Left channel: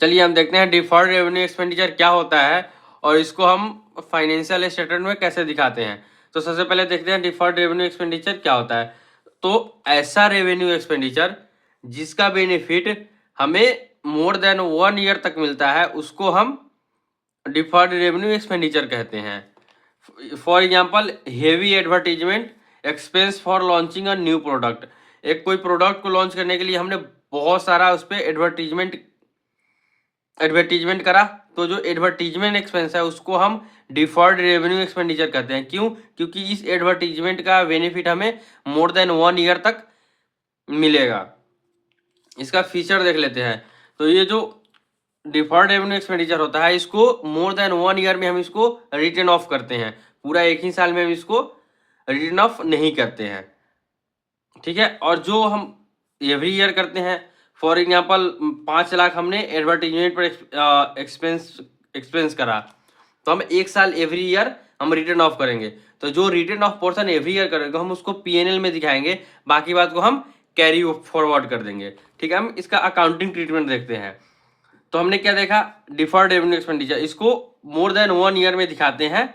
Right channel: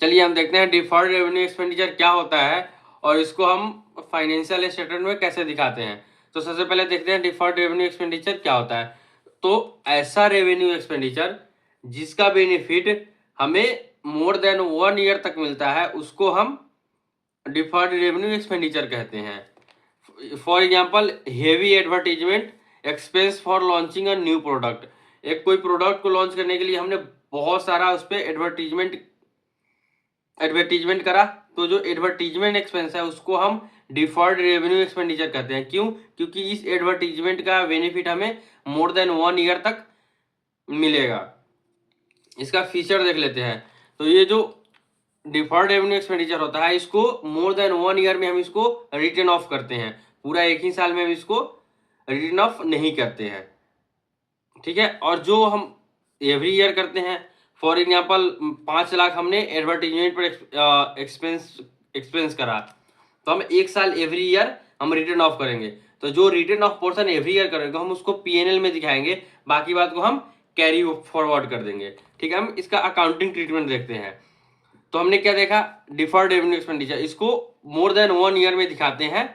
चलिए हम देखते हैं डिफर्ड रेवेन्यू एक्सपेंडिचर क्या होता है और इसको हम फाइनेंशियल स्टेटमेंट में कैसे दिखाते हैं। तो सबसे पहले देखते हैं डिफर्ड रेवेन्यू एक्सपेंडिचर क्या होता है। तो ऐसा रेवेन्यू एक्सपेंडिचर जिसका बेनिफिट हमें मोर देन 1 ईयर तक मिलता है उसको हम डिफर्ड रेवेन्यू एक्सपेंडिचर कहते हैं। For example heavy advertisement expense for launching a new product. एक कोई प्रोडक्ट को लॉन्च करने के लिए हमने बहुत सारा उस पर एडवर्टीजमेंट करा, तो जो एडवर्टीजमेंट एक्सपेंस है उसको हम डिफर्ड रेवेन्यू एक्सपेंडिचर कहते हैं। क्यों? क्योंकि इस एडवर्टीजमेंट का बेनिफिट हमें मोर देन 1 ईयर तक मिलेगा। इसका फीचर देख लेते हैं। तो ये जो डिफर्ड रेवेन्यू एक्सपेंडिचर होता है इसको मोर देन 1 ईयर में हम इसको रिटर्न ऑफ करते हैं। पूरा एक ही साल में हम इसको रिटर्न ऑफ नहीं करते हैं, ठीक है। और जो हम एवरी ईयर करते हैं, फॉर एग्जांपल 5 लाख हमने एडवर्टीजमेंट पर एक्सपेंस करा, तो हम 1 साल एवरी ईयर हम रिटर्न ऑफ करेंगे। तो जो return of portion every year करेंगे हम उसको पीएनएल में दिखाएंगे, बाकी बात को हम कैरी फॉरवर्ड कर देंगे, ठीक है। हम इसका अकाउंटिंग ट्रीटमेंट देखते हैं। तो हमने क्या देखा, डिफर्ड रेवेन्यू एक्सपेंडिचर इसको मोर देन 1 ईयर में दिखाते हैं।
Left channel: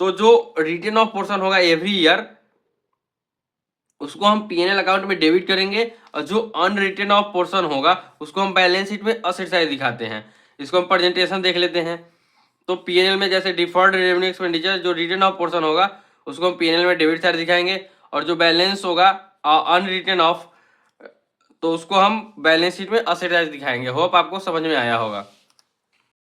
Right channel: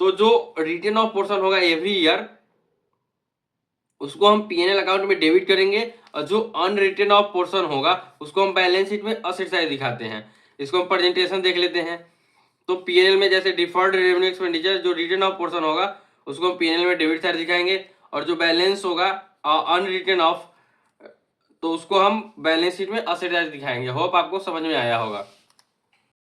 तो जो रिटर्न ऑफ पोर्शन होगा एवरी ईयर उसको हम पीएनएल अकाउंट में डेबिट करेंगे, और जो अनरिटर्न ऑफ पोर्शन होगा उसको हम बैलेंस शीट में असेट साइड दिखाते हैं। इसको हम प्रेजेंटेशन देख लेते हैं। तो पीएनएल में जैसे डिफर्ड रेवेन्यू एक्सपेंडिचर जो रिटर्न ऑफ पोर्शन होगा उसको हम पीएनएल में डेबिट साइड दिखाएंगे, और जो बैलेंस होगा अनरिटर्न ऑफ तो उसको हम बैलेंस शीट में असेट साइड दिखाएंगे। होप आपको समझ में आया होगा।